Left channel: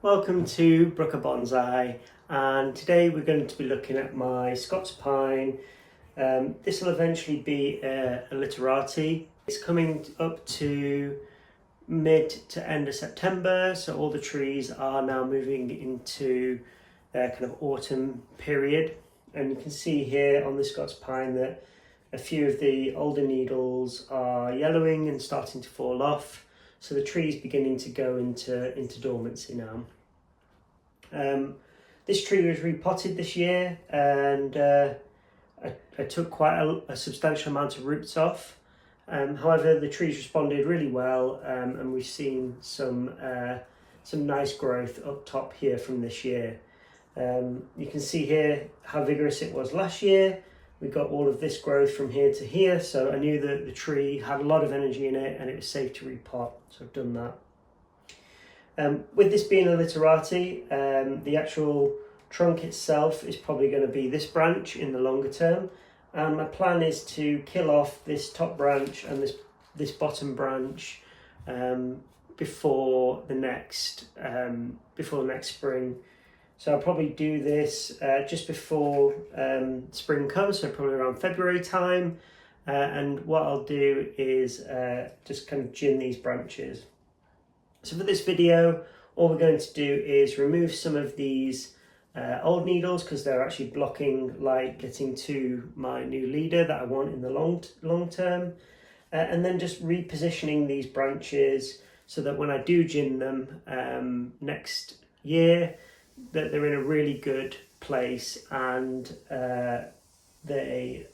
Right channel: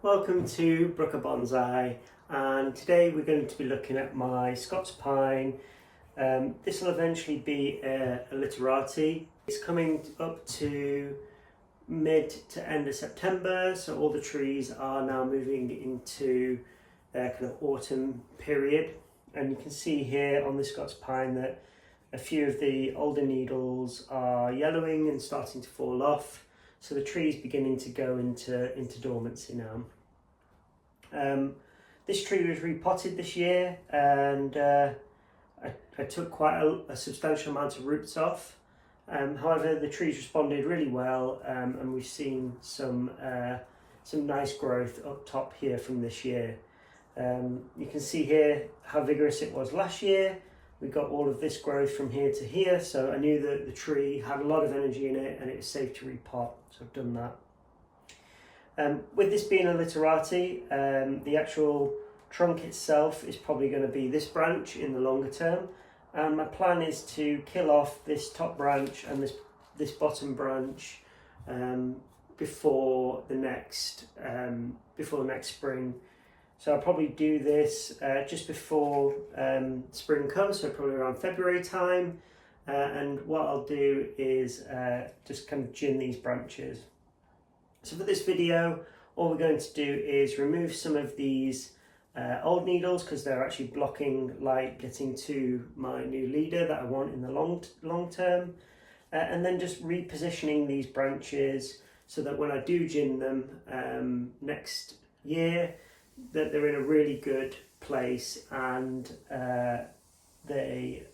Welcome to Brooker Bonsai, and today we're going to be looking at my Scots pine. This will eventually be a Literati. It's coming up to mid to end of September, so all the trees are now moving into their kind of autumn period. And you can see here on the Scots pine that a few of the older needles are yellowing and starting to fall off. So the tree is beginning to go into dormancy now. This tree was repotted this year, and I took quite a substantial amount of roots off. However, the tree's responded really well, and we've seen some nice growth up top here from this year. You can see here how vigorous it was last year. We got all of this growth from here to here, so I knew that the tree had a lot of energy in it and it was safe to repot, so I've done that. With this being a Literati, the actual trunk itself is probably going to be this branch in the longer term, and my plan is to kill off this top branch and this bottom branch before the next spring. So I'll probably do this just before spring comes, so probably around February time. And what I'll do is just kind of gin these branches. So for this video, all we're going to do is remove some of these old needles because they're actually blocking light getting to my new leader that I want in the long term. And then just repositioning these branches so that when I do gin them next year, that they're in a really good place and they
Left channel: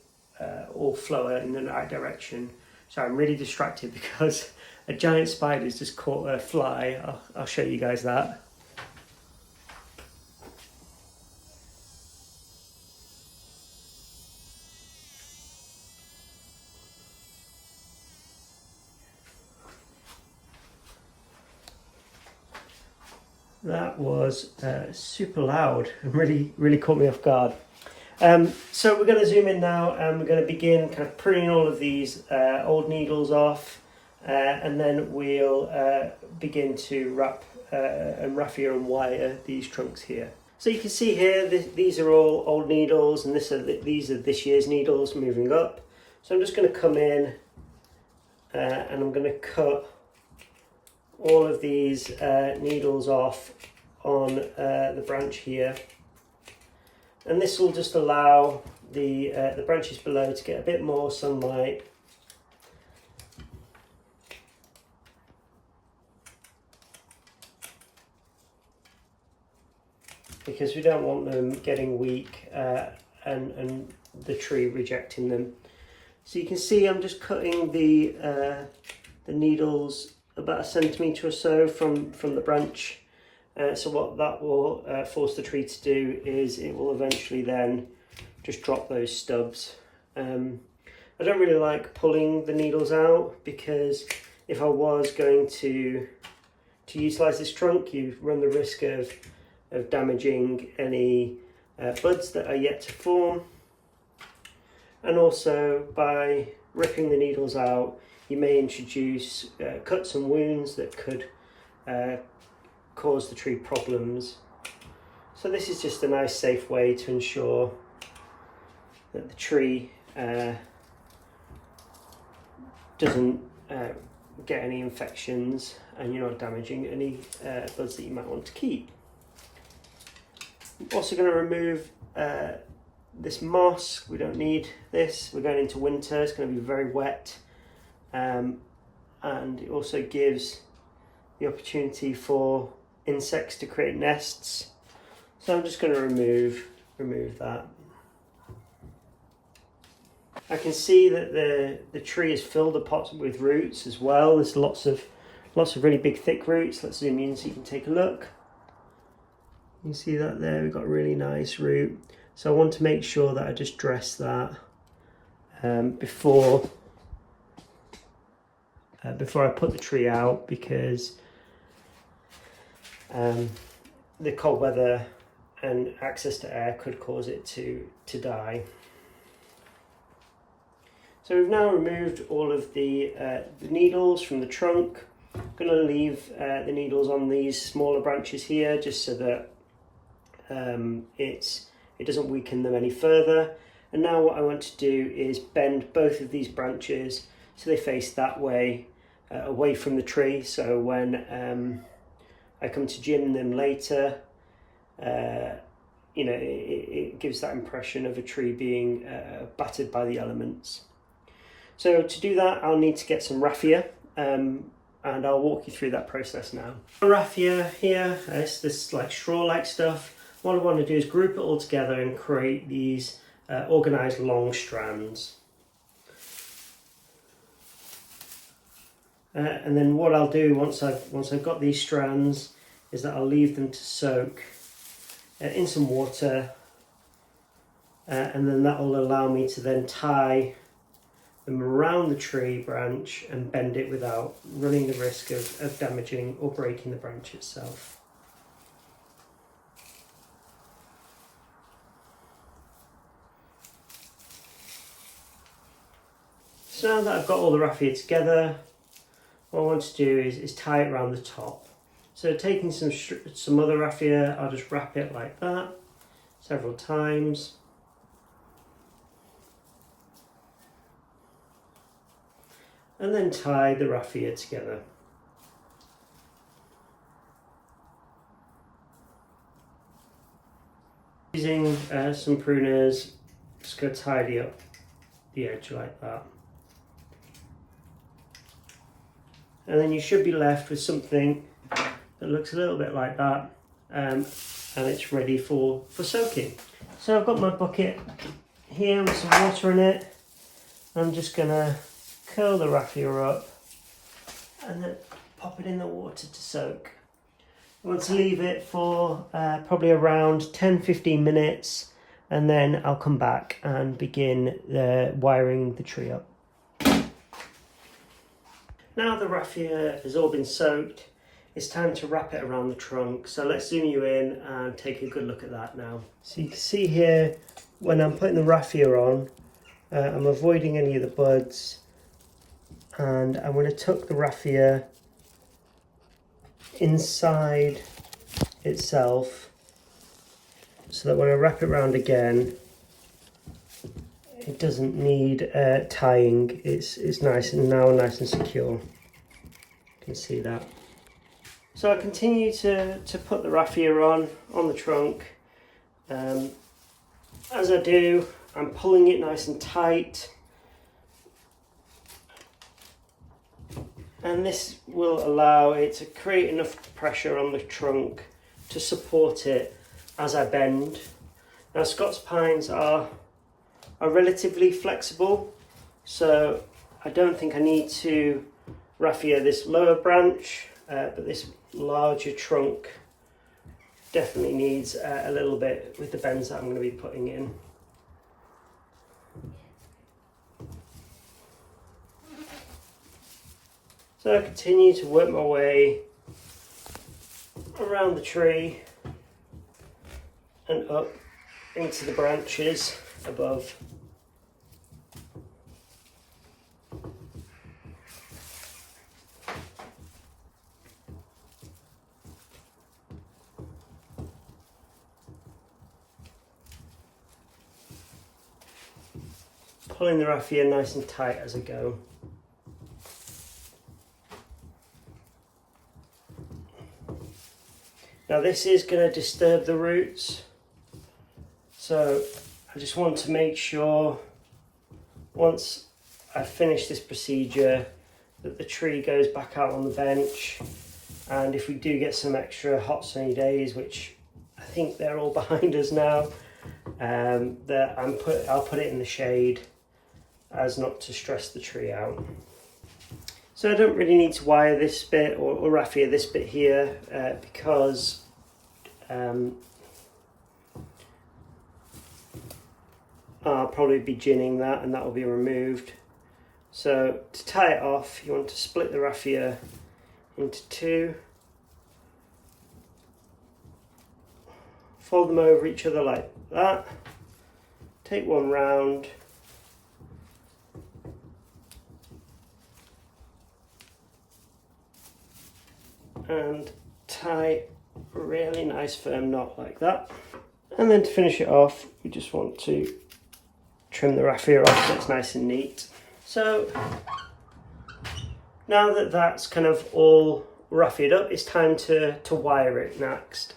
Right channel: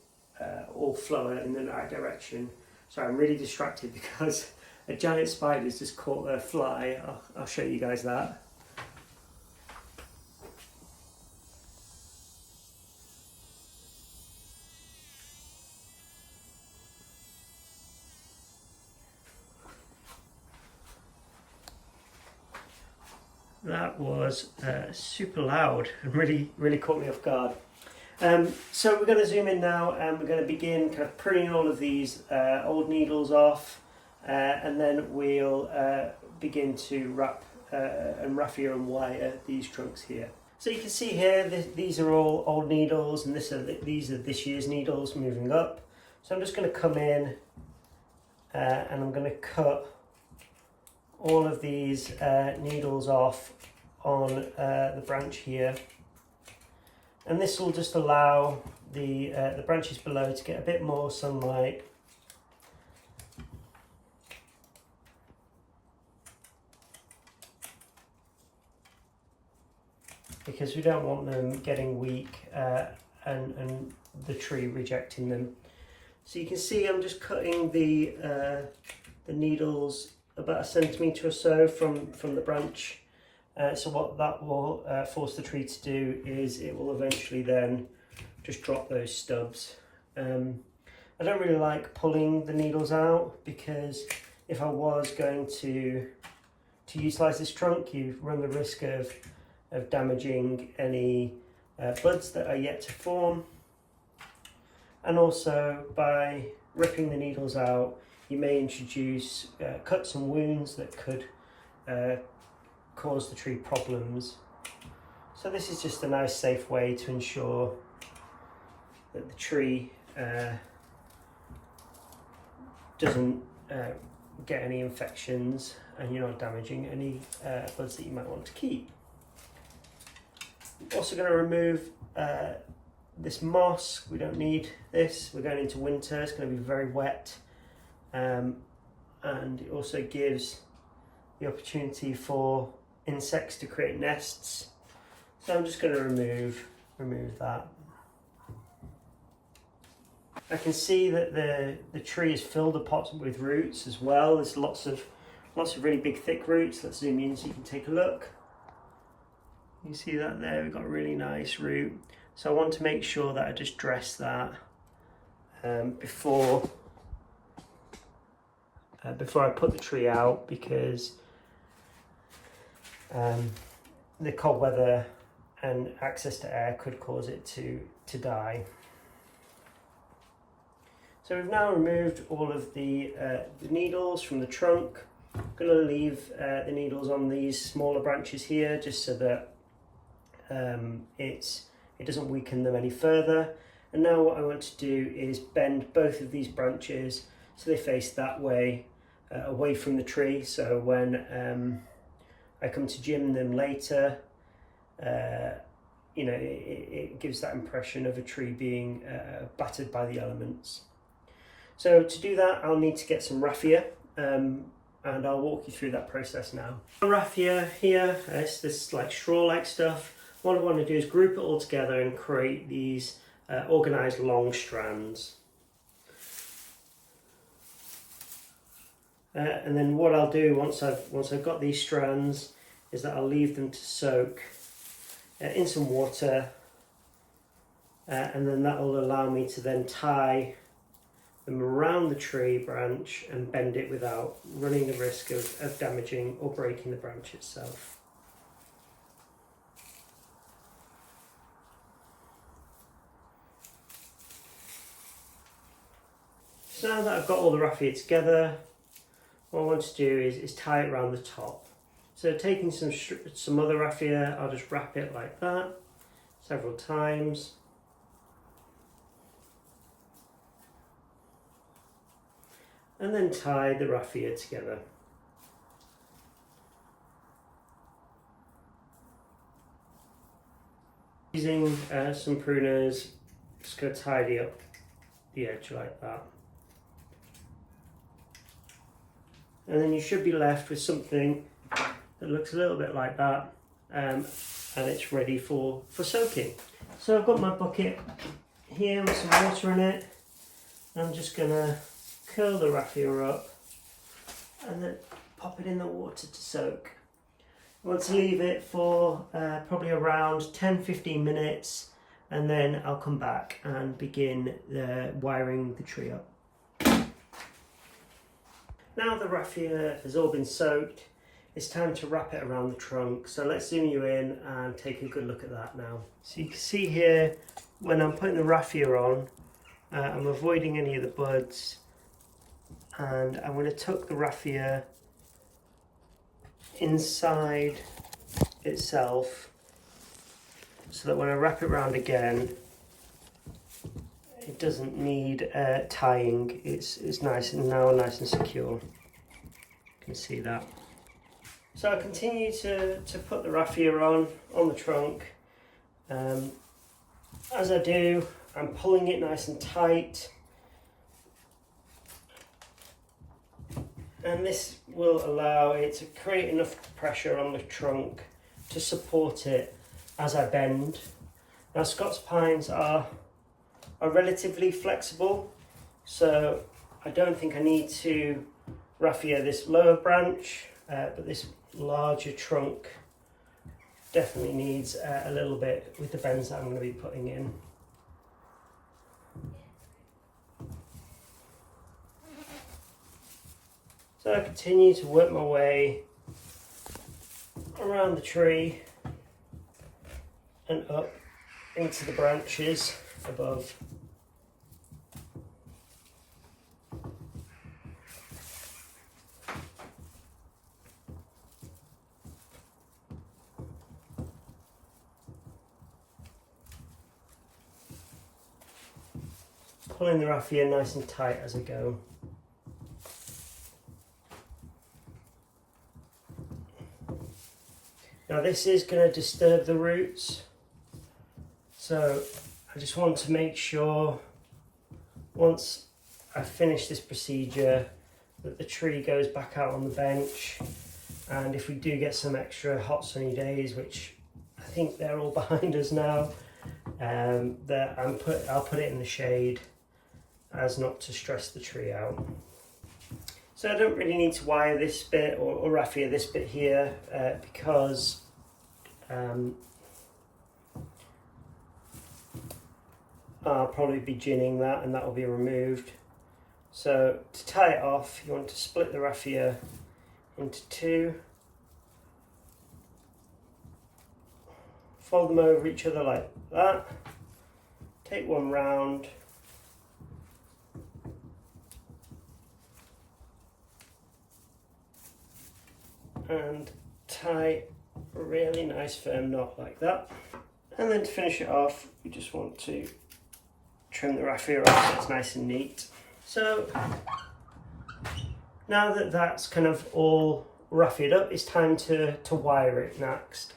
all flow in the right direction. So I'm really distracted because a giant spider's just caught a fly. I'll show you guys that. That was super loud and really caught me off guard. So we're going to zoom in now and we're going to begin kind of pruning all of these old needles off, and then we'll begin to wrap and raffia and wire these trunks here. So you can see here these are all old needles, and these are this year's needles moving up. So I'm just going to come in and I'm going to cut all of these needles off on the branch here, and this will just allow the branches below to get a bit more sunlight. Because we don't want them getting weak and the tree rejecting them. So you can see I'm just cutting the needles about 1 centimetre or so from the branch. So what that will force the tree to do is it will eventually then just drop those stubs. I don't really like pulling the needles out because if I was going to utilise this trunk, you run the risk of damaging any buds that are yet to form. And also by ripping the needles out, you may introduce cuts and wounds that could cause the tree problems. So this is just a nice safe way to ensure that the tree doesn't get any infections and you're not damaging any buds that you might want to keep. I'm also going to remove this moss. We don't need this. We're going into winter, it's going to be very wet. And it also gives the opportunity for insects to create nests. So I'm just going to remove that. I can see that the tree has filled the pot with roots as well. There's lots of really big thick roots. Let's zoom in so you can take a look. You can see that there, we've got a really nice root. So I want to make sure that I just dress that before I put the tree out, because the cold weather and access to air could cause it to die. So we've now removed all of the needles from the trunk. I'm going to leave the needles on these smaller branches here just so that it doesn't weaken them any further. And now what I want to do is bend both of these branches so they face that way, away from the tree, so when I come to gym them later, you know, it gives that impression of a tree being battered by the elements. So to do that, I'll need to get some raffia, and I'll walk you through that process now. Raffia here, it's this like straw-like stuff. What I want to do is group it all together and create these organised long strands. And then what I'll do once I've got these strands is that I'll leave them to soak in some water, and then that will allow me to then tie them around the tree branch and bend it without running the risk of damaging or breaking the branch itself. So now that I've got all the raffia together, what I want to do is tie it around the top. So taking some other raffia, I'll just wrap it like that several times. And then tie the raffia together. Using some pruners, just going to tidy up the edge like that. And then you should be left with something that looks a little bit like that, and it's ready for soaking. So I've got my bucket here with some water in it. I'm just going to curl the raffia up and then pop it in the water to soak. I want to leave it for probably around 10-15 minutes, and then I'll come back and begin wiring the tree up. Now the raffia has all been soaked, it's time to wrap it around the trunk. So let's zoom you in and take a good look at that now. So you can see here, when I'm putting the raffia on, I'm avoiding any of the buds, and I'm going to tuck the raffia inside itself so that when I wrap it around again, it doesn't need tying. It's nice and secure. You can see that. So I continue to put the raffia on the trunk. As I do, I'm pulling it nice and tight, and this will allow it to create enough pressure on the trunk to support it as I bend. Now Scots pines are relatively flexible, so I don't think I need to raffia this lower branch, but this larger trunk definitely needs a little bit with the bends that I'm going to be putting in. So I continue to work my way around the tree and up into the branches above. Pulling the raffia nice and tight as I go. Now this is going to disturb the roots, so I just want to make sure once I finish this procedure that the tree goes back out on the bench, and if we do get some extra hot sunny days, which I think they're all behind us now, that I'll put it in the shade as not to stress the tree out. So I don't really need to wire this bit or raffia this bit here because I'll probably be ginning that and that will be removed. So to tie it off, you want to split the raffia into two, fold them over each other like that, take one round, a nice firm knot like that. And then to finish it off, we just want to trim the raffia off so it's nice and neat. So now that that's kind of all raffiaed up, it's time to wire it next.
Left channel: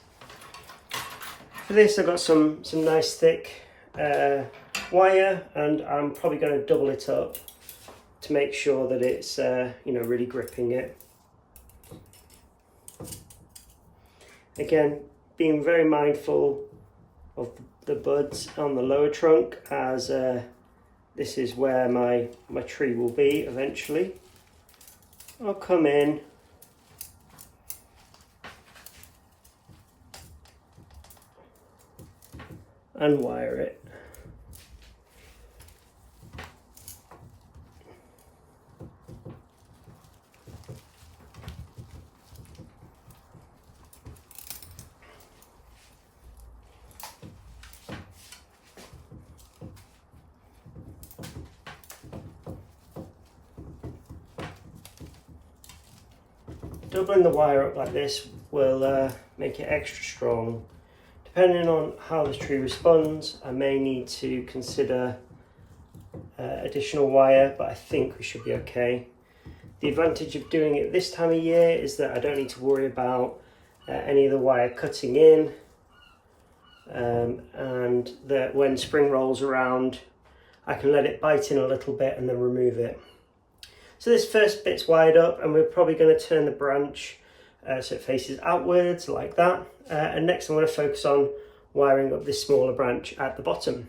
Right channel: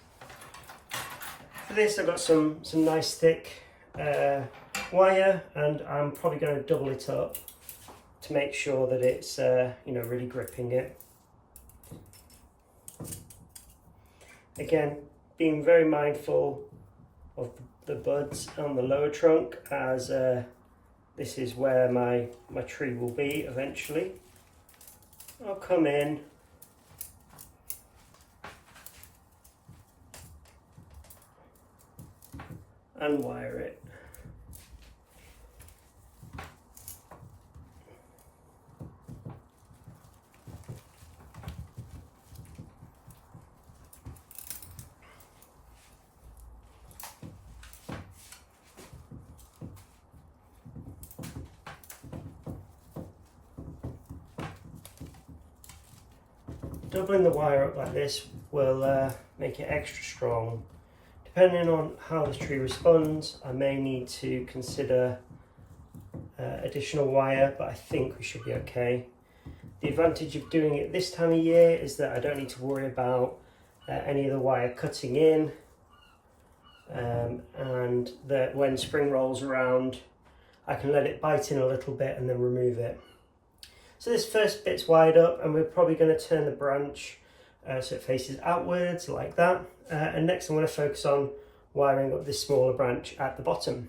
For this, I've got some nice thick wire, and I'm probably going to double it up to make sure that it's really gripping it. Again, being very mindful of the buds on the lower trunk, as this is where my tree will be eventually. I'll come in and wire it. Doubling the wire up like this will make it extra strong. Depending on how the tree responds, I may need to consider additional wire, but I think we should be okay. The advantage of doing it this time of year is that I don't need to worry about any of the wire cutting in, and that when spring rolls around, I can let it bite in a little bit and then remove it. So this first bit's wired up, and we're probably going to turn the branch so it faces outwards like that. And next I'm going to focus on wiring up this smaller branch at the bottom.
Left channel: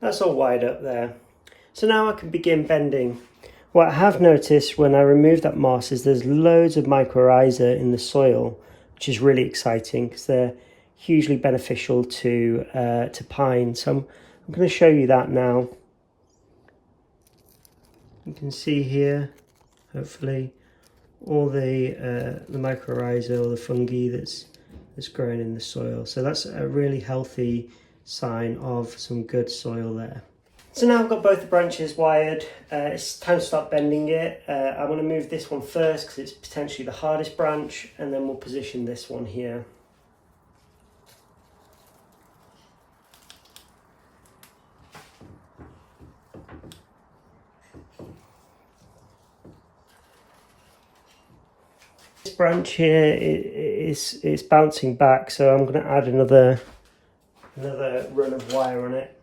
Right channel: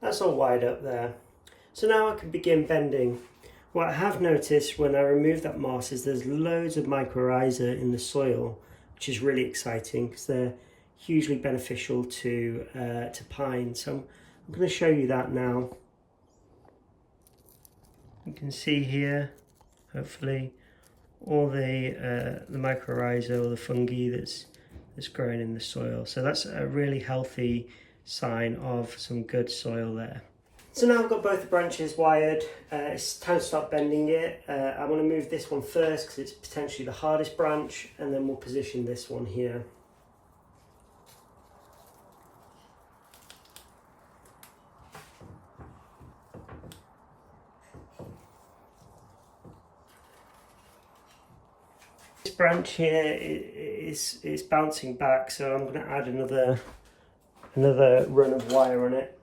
That's all wired up there. So now I can begin bending. What I have noticed when I remove that moss is there's loads of mycorrhiza in the soil, which is really exciting because they're hugely beneficial to pine. So I'm going to show you that now. You can see here, hopefully, all the mycorrhiza or the fungi that's growing in the soil. So that's a really healthy sign of some good soil there. So now I've got both the branches wired. It's time to start bending it. I'm going to move this one first because it's potentially the hardest branch, and then we'll position this one here. This branch here is bouncing back, so I'm going to add another run of wire on it.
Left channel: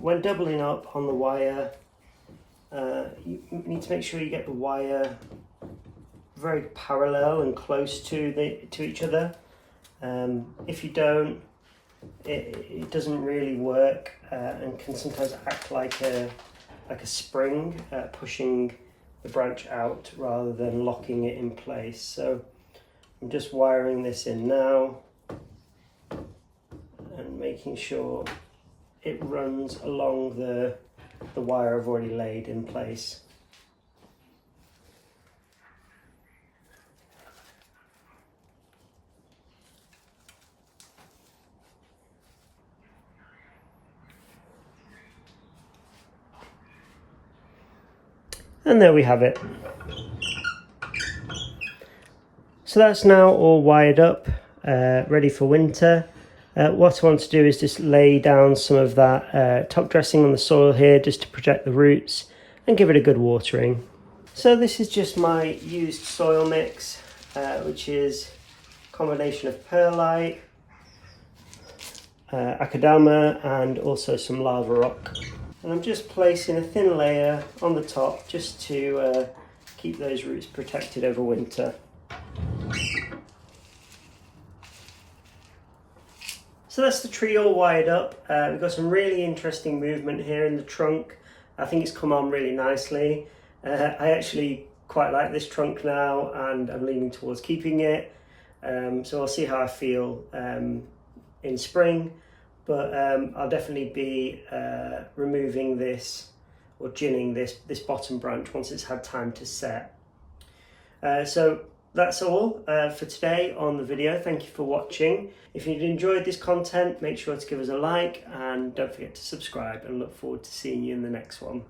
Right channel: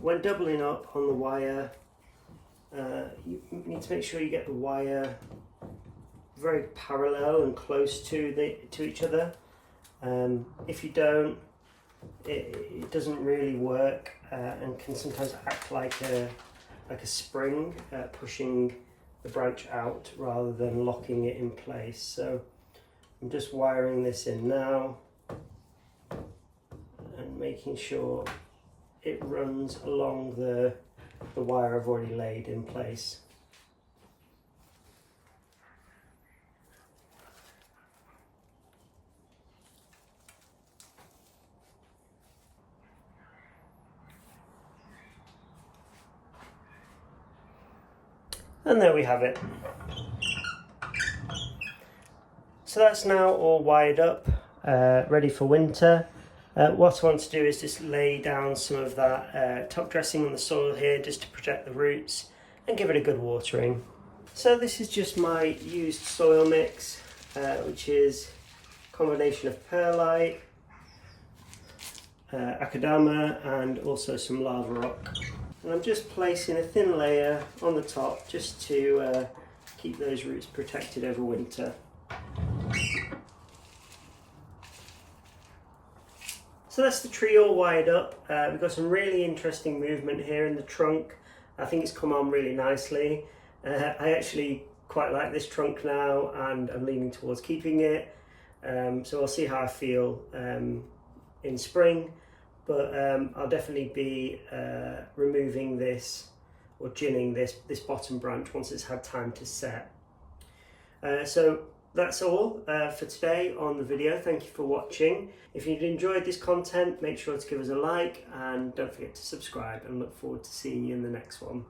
When doubling up on the wire, you need to make sure you get the wire very parallel and close to each other. If you don't, it doesn't really work and can sometimes act like a spring, pushing the branch out rather than locking it in place. So I'm just wiring this in now and making sure it runs along the wire I've already laid in place. And there we have it. So that's now all wired up, ready for winter. What I want to do is just lay down some of that top dressing on the soil here just to protect the roots and give it a good watering. So this is just my used soil mix, which is a combination of perlite, acadama, and also some lava rock. And I'm just placing a thin layer on the top just to keep those roots protected over winter. So that's the tree all wired up. We've got some really interesting movement here in the trunk. I think it's come on really nicely. I actually quite like this trunk now, and I'm leaning towards keeping it. So I'll see how I feel in spring. but I'll definitely be removing this or ginning this bottom branch once it's had time to set. So that's all for today on the video. Thank you for watching. If you've enjoyed this content, make sure to give us a like and don't forget to subscribe, and look forward to seeing you in the next one.